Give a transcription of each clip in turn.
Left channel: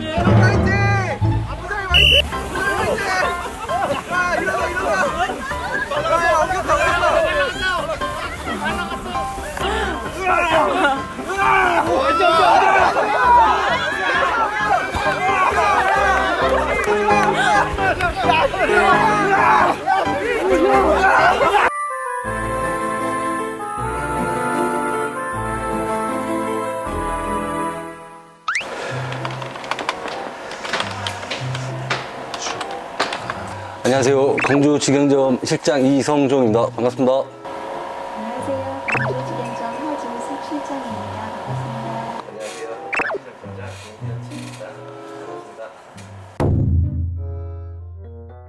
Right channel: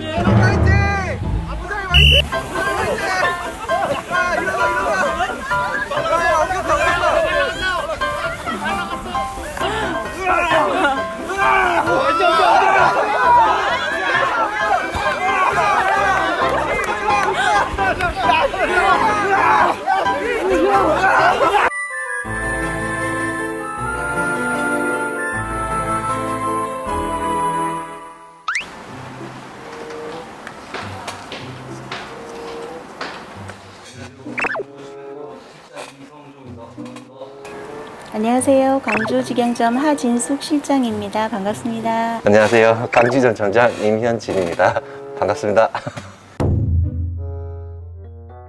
파이팅! 아부자이 파이팅! 파이팅! 아 일어나 일어나! 안녕하세요. 광주 직영점 실장 이성종입니다. 반갑습니다. 안녕하세요. 광주직영점 하진숙 실장입니다. 반갑습니다. 안녕하세요. 강지전 전장 임현진입니다. 반갑습니다.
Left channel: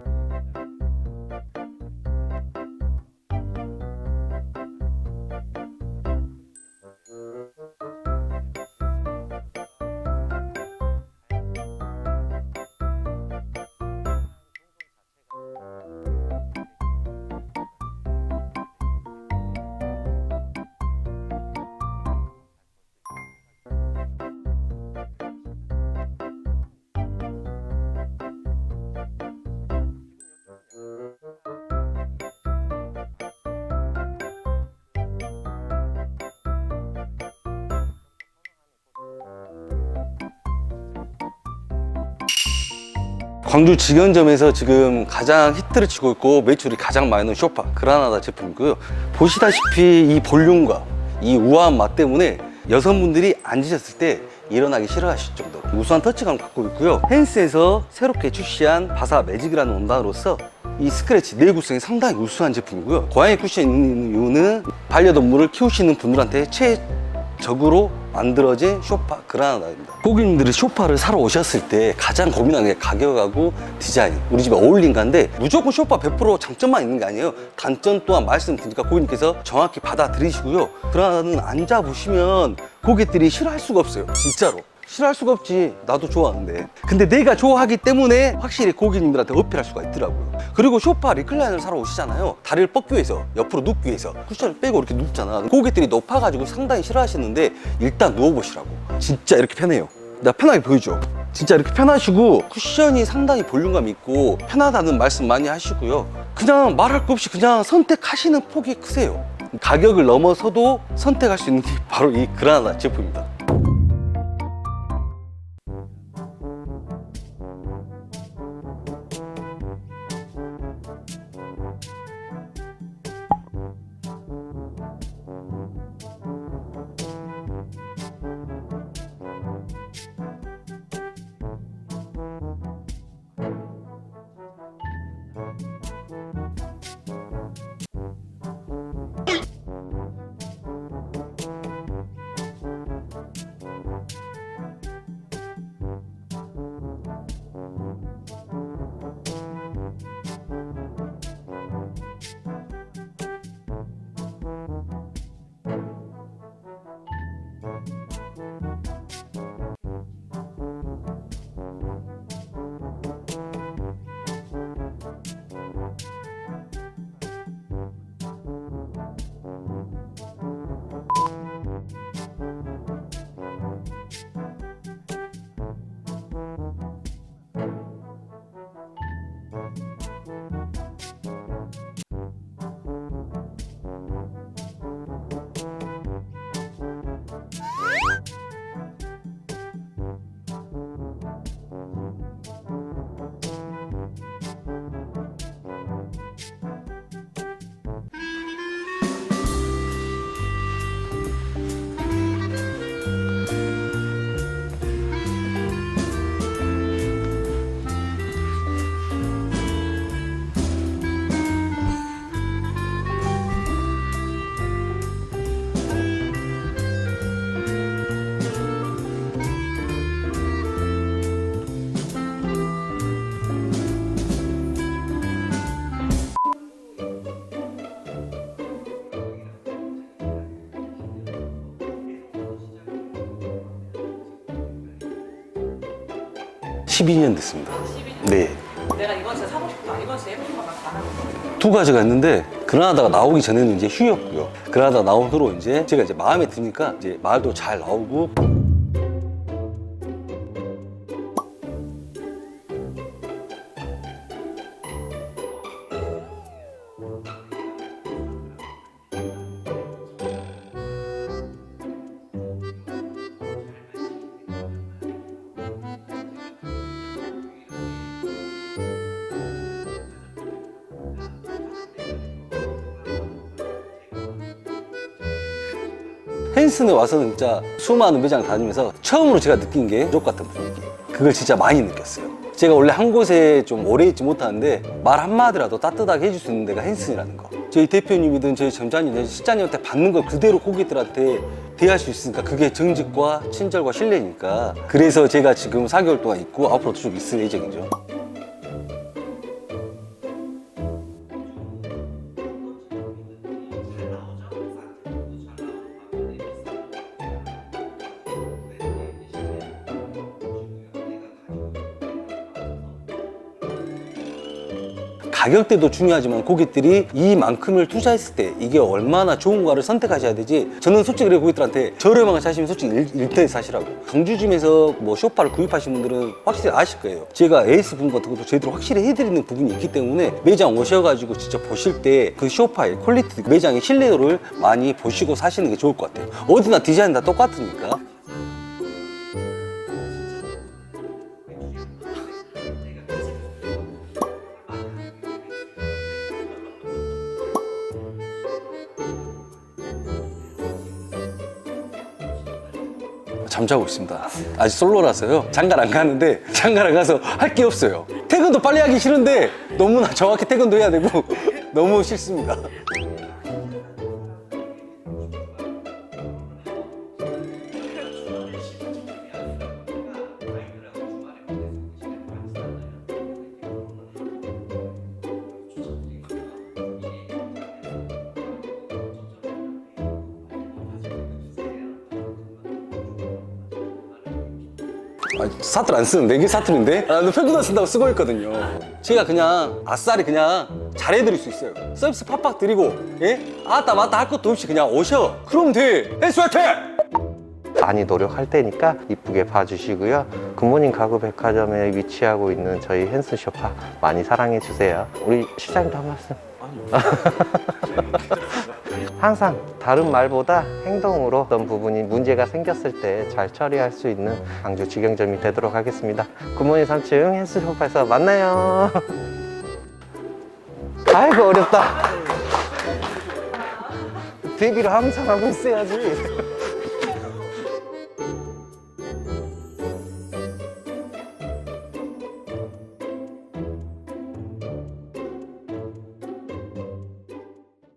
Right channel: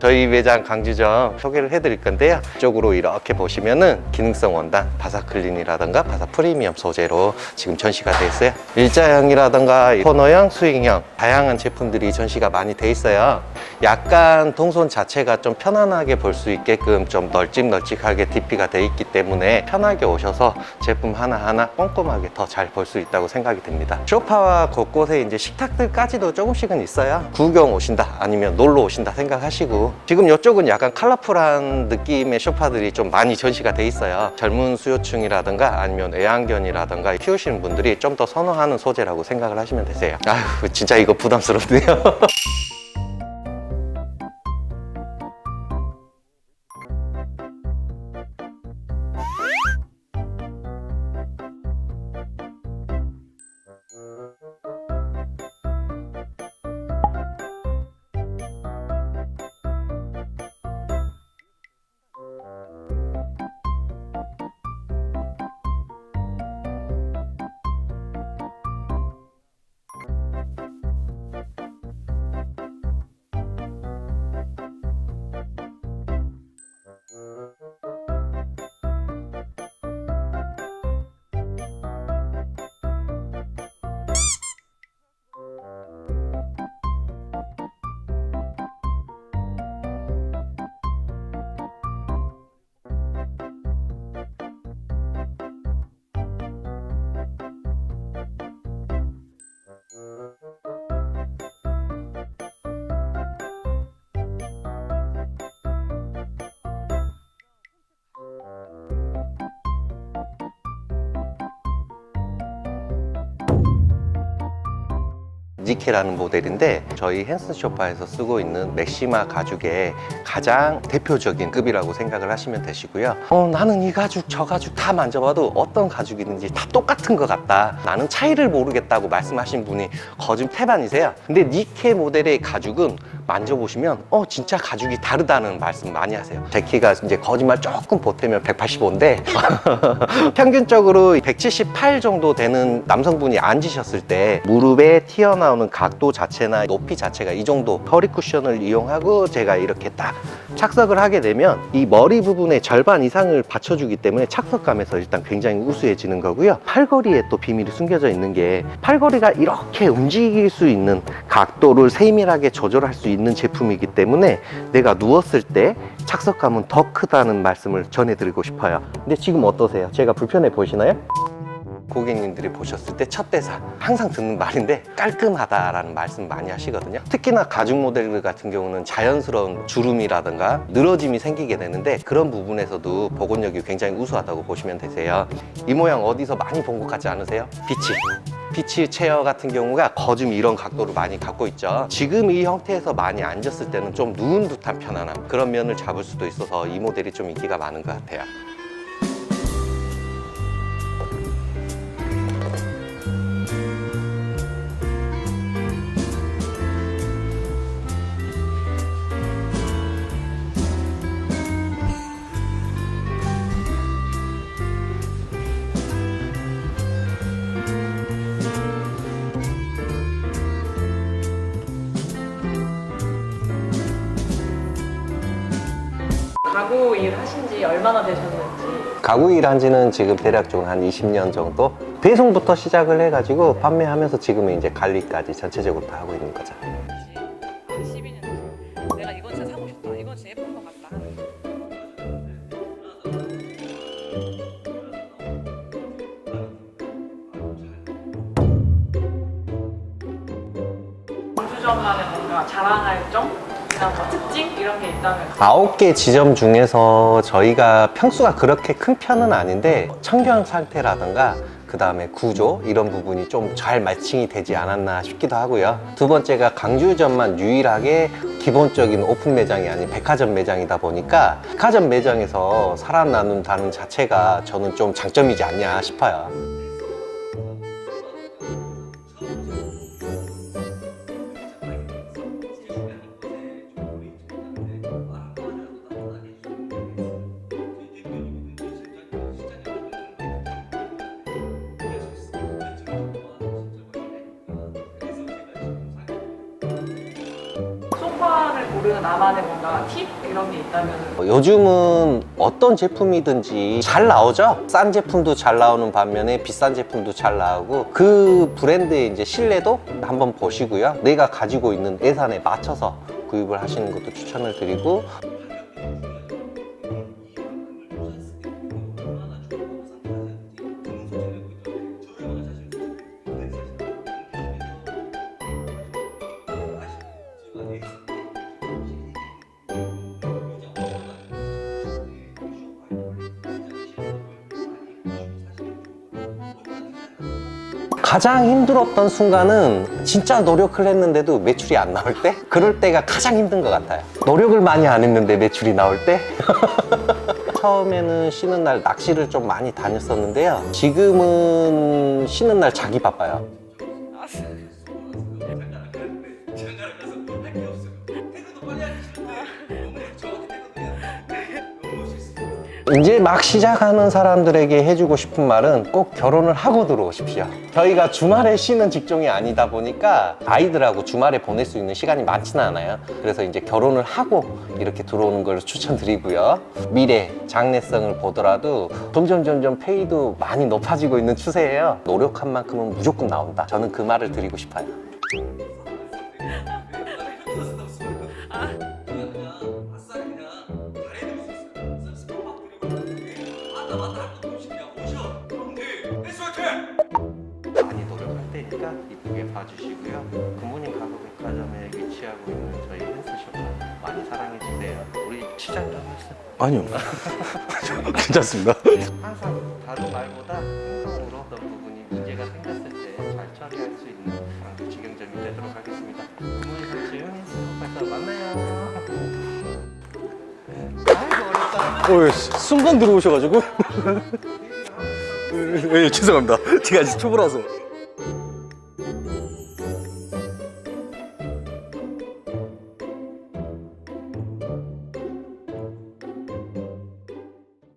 저희 매장 강지점 소개를 해드릴 건데요. 이쪽으로 이렇게 보시면은 기능성 원단, 바사클린이라던가 바사 프리미엄 소재로 지금 전시가 돼 있어요. 일자형이라던가 코너형, 스윙형 다양한 제품들이 전시가 많이 돼 있어요. 약간 동선 자체가 좀 편안하게 볼 수 있게끔 좀 널찍널찍하게 DP가 돼 있기 때문에 편하게 오셔서 제품 하나하나 꼼꼼하게 더 잘 볼 수 있다고 생각이 됩니다. 쇼파와 곳곳에 이제 식탁들까지도 조금씩은 있어요. 구경 오신다 아니면 놀러 오신다 생각하시고 지금 이쪽은 약간 컬러풀한 느낌의 쇼파들이 좀 많이 전시가 돼 있어요. 젊은 수요층이라든가 아니면 애완견이라든가 키우시는 분들이 좀 더 선호하는 소재라고 생각을 하시면 되세요. 아휴 진짜 이거 부담스럽네요. 광주 직영점에서 지금 가장 히트를 치고 있고 매출이 가장 나는 쇼파 그라나다 제품이고요. 보시다시피 이 볼륨과 이 우아한 맛 때문에 여성분들이 앉으셨을 때 일어나기 싫어하실 정도 우수한 터치감 갖고 있고요. 헨스에서 새롭게 출시한 바사 매직이라는 원단으로서 이 스크래치 내일 구성이 상당히 우수한 제품이고요. 고양이 쿠션이 있는 이유는 반려동물을 키우시는 분들한테 최 적으로 만들어진 쇼파 그라나다입니다. 고객님들이 쇼파를 사러 오셨을 때 가장 고민하는 게 가격하고 디자인, 우리 집에 어울린가인데 무조건 쇼파 100% 장점만 있는 게 아니에요. 단점 또한 말씀드리니까 고객님께서 정확히 받아들이시고요. 그라나다는 앉아보시면 고객들이 싫어할 수가 없어요. 진짜로. 싫어할 수가 없지. 나도 좋아하는데. 근데 내가 좋아하기 때문에 확실히 고객님들한테 어필할 수가 있더라고요. 그리고 쇼파 리클라이너를 사러 오시잖아요. 다리를 뻗기 위해서, 옆으로 눕기 위해서 쿠션을 빼고 이렇게 눕잖아. 고객들이 높아가지고 상당히 싫어하시는데 일단 누워보시라고. 진짜 이렇게 편해요. 나 편하게 보여줘. 진짜 이렇게 편하시고 쿠션이 상당히 볼륨감 있고 편하다는 말씀 많이 하시고요. 그냥 말할 거 없이 그냥 선택하시는 폭이 크세요. 가격을 넘어서도 선택할 수 있는 게 바로 이 그라나 제품입니다. 니케라는 모델인데 저희 헨스 쇼파에서 쓰고 있는 맥시마 가죽의 가장 대표적인 급이라고 생각을 하시면 되시고요. 어, 나는 이 가죽 저 가죽 다 만져봐도 어떤 가죽이든지 다 똑같은 것 같다. 나는 차이를 모르겠다고 말씀하신 분이 거짓 태반이세요. 근데 니케 모델의 가죽은 만져보시면 어 진짜 가죽이 다르다는 말씀 많이 하세요. 제 키가 이제 거짓말 조금 보태면 185인데 평균적으로 178 정도 되는 남성분이 앉으셨을 때 무릎에 튀어나오는 각도 자체나 높이 자체가 이 정도 허리 쿠션을 이용하고 제가 이렇게 딱 착석을 하게 되면 이 머리 부분의 절반 이상을 받쳐주기 때문에 착석감에서 일단 굉장히 우수해지는 거고요. 팔걸이에 또 비밀이 숨겨져 있는 게 팔걸이가 이렇게 움직일 수 있는 각도를 세밀하게 조절할 수 있는 제품이기 때문에 내가 누웠을 때 착석감은 더 크다는 말씀을 전해드리고 싶어요. 근데 지금 어떠세요? 제가 불편해 보이시나요? 고객님들이 보셨을 때 첫 대사 항상 듣는 말인데 깔끔하다라는 말씀 많이 하시거든요. 특히나 가죽 모델 같은 경우는 자연스러운 주름이라든가 늘어짐이 생기게 되는데 그런 부분에서도 복원력이 굉장히 우수하다고 보시면 되세요. 이 모양 어디서 많이 본 것 같지 않으세요? 비치. 비치 체어 같은 경우가 거즘 이런 각도를 많이 갖고 있죠. 지금 이 형태에서 많이 앉았을 때는 좀 누운 듯한 편안함 그런 면을 잡을 수도 있어서 이 모델이 좀 인기가 많은 것 같아요 얼마나 되셨는지 가구 일한 지는 지금 대략적으로 한 20년 정도 배송부터 시작을 해가지고 판매하면서 지금은 이제 관리까지 전체적으로 다 하고 있는 거죠 12년 됐습니다. 12년 네. 내가 이번 주에 사고 싶다 이번 주에 예쁜 거 같다 두 가지가 있는데 그라나다가 나오기 전에는 이제 휴였고요. 그라나다 나온 후로 이제 제가 이제 마음에 드니까 이제 말도 잘 나오고 광주점만의 뭔가 자랑할 점? 이나 뭐 특징? 이런 게 있다면 아홉 개 지점 중에서 저희가 평수가 그렇게 큰 편은 아닌데 청경 상태라든가 그 다음에 구조 이런 부분이 좀 잘 매칭이 되지 않았나 싶기도 하고요. 두 번째가 강주점만 유일하게 기본적인 오픈 매장이 아닌 백화점 매장이다 보니까 백화점 매장에서 살아나는다는 자체가 저는 좀 장점이지 않냐 싶어요. 헨슨에 와서는 진짜 수많은 매장 다니면서 처음으로 제가 느낀 게 가족 같은 분위기. 그걸 진짜 많이 느꼈어요. 제가 원래 한 곳에 좀 오래 있지 못하는데 말 한마디라도 따뜻하게 해줄 수 있는 데가 헨슨이라는 거. 저희 대표님이든 저희 점장님, 저희 실장님한테 받는 걸 그대로 고객들한테 대할 수 있으니까 그게 정직과 친절과 신뢰니까. 그래서 제가 지금 4개월 동안 있고 앞으로도 쭉 있을 예정이죠. 소파를 고르는 나만의 뭔가 팁? 이런 게 있다면 어, 요즘은 어떤 제품이든지 잘 나오죠? 싼 제품도 잘 나오는 반면에 비싼 제품도 잘 나오고 그 브랜드의 이제 신뢰도 한번 보시고요. 내가 가지고 있는 예산에 맞 춰서 구입을 하시는 것도 추천을 드리고 가격대도 중요하지만 고객들이 이만큼을 투자했을 때 이게 얼마나 좋은가를 선택하셔야 되지. 저는 솔직히 그래 고객들한테 저렴한 거 사시면 솔직히 일- 일대일 사시라고. 광주짐에서 뭐 쇼파를 구입하신 분들은 확실히 아실 거예요. 제가 에이스 부분 같은 것도 저희들 확실히 해드리는 부분이 있기 때문에 매장 오셔가지고 진짜 보실 때 그 쇼파의 퀄리티 매장의 신뢰도를 많이 보시고 사시는 게 좋을 것 같아요. 어디나 디자인 다 똑같으니까 가장 힘들었던 순간은 진짜 노력을 했는데도 매출이 안 나올 때? 그럴 때가 가장 힘든 것 같아요. 노력을 많이 안 했는데 매출이 나올 때 처음에는 쉬는 날 낚시를 좀 많이 다녔었는데요 지금은 쉬는 날 자기 바빠요 잠자고 있습니다. 아직 솔로라서요. 장가를 안 가는데 장가를 가서 할 게 없어요. 퇴근도 빨리 하기 싫은데 너무나 정확히 퇴근도 해야 되고 너무 싫습니다. 이제 막 시작하는 사람들에게 해주고 싶은 말은 꼭 결혼을 하고 들어오십시오. 저희가 주말에 쉬는 직종이 아니다 보니까 아이들하고 주말에 보낼 수 있는 시간이 많지는 않아요. 그래서 이제 결혼을 하고 이렇게 들어오는 걸 추천드리고요. 미래, 장래성을 보더라도 점점 점점 페이도 많이 높아지고 있는 추세예요. 노력한 만큼은 무조건 나온다. 저는 그 말을 드리고 싶어요. 아, 사투리 안 쓰는데 이게 사투리인데? 아, 평균 안 쓴다고 쓰고 있거든요. 제가 그냥 아싸리 그냥 잘해드릴 수 있어요. 서비스 팍팍 드리고 예? 아따 맞다 할 것도 없이 그냥 오셔. 그럼 돼. 화이팅! 많이 노력할 테니까 이쁘게 봐주시고요. 굿모닝 가구 백화점에 위치하고 있는 저희 헨스쇼파 많이 사랑해 주세요. 우리 시장도 한 말씀. 아니요. 괜찮습니다. 항상 다른 말보다 행동으로 어떤 부분이 문제가 생겼을 때 잘 처리할 수 있는 광주 직영점이 되도록 하겠습니다. 굿모닝 3층 헬스쇼파에서 만나요. 아이고 어렵다. 어, 순간 들어오셔가지고. 데뷔를 항상 하고 있어요. 네, 죄송합니다. 제가 아직 초보라서.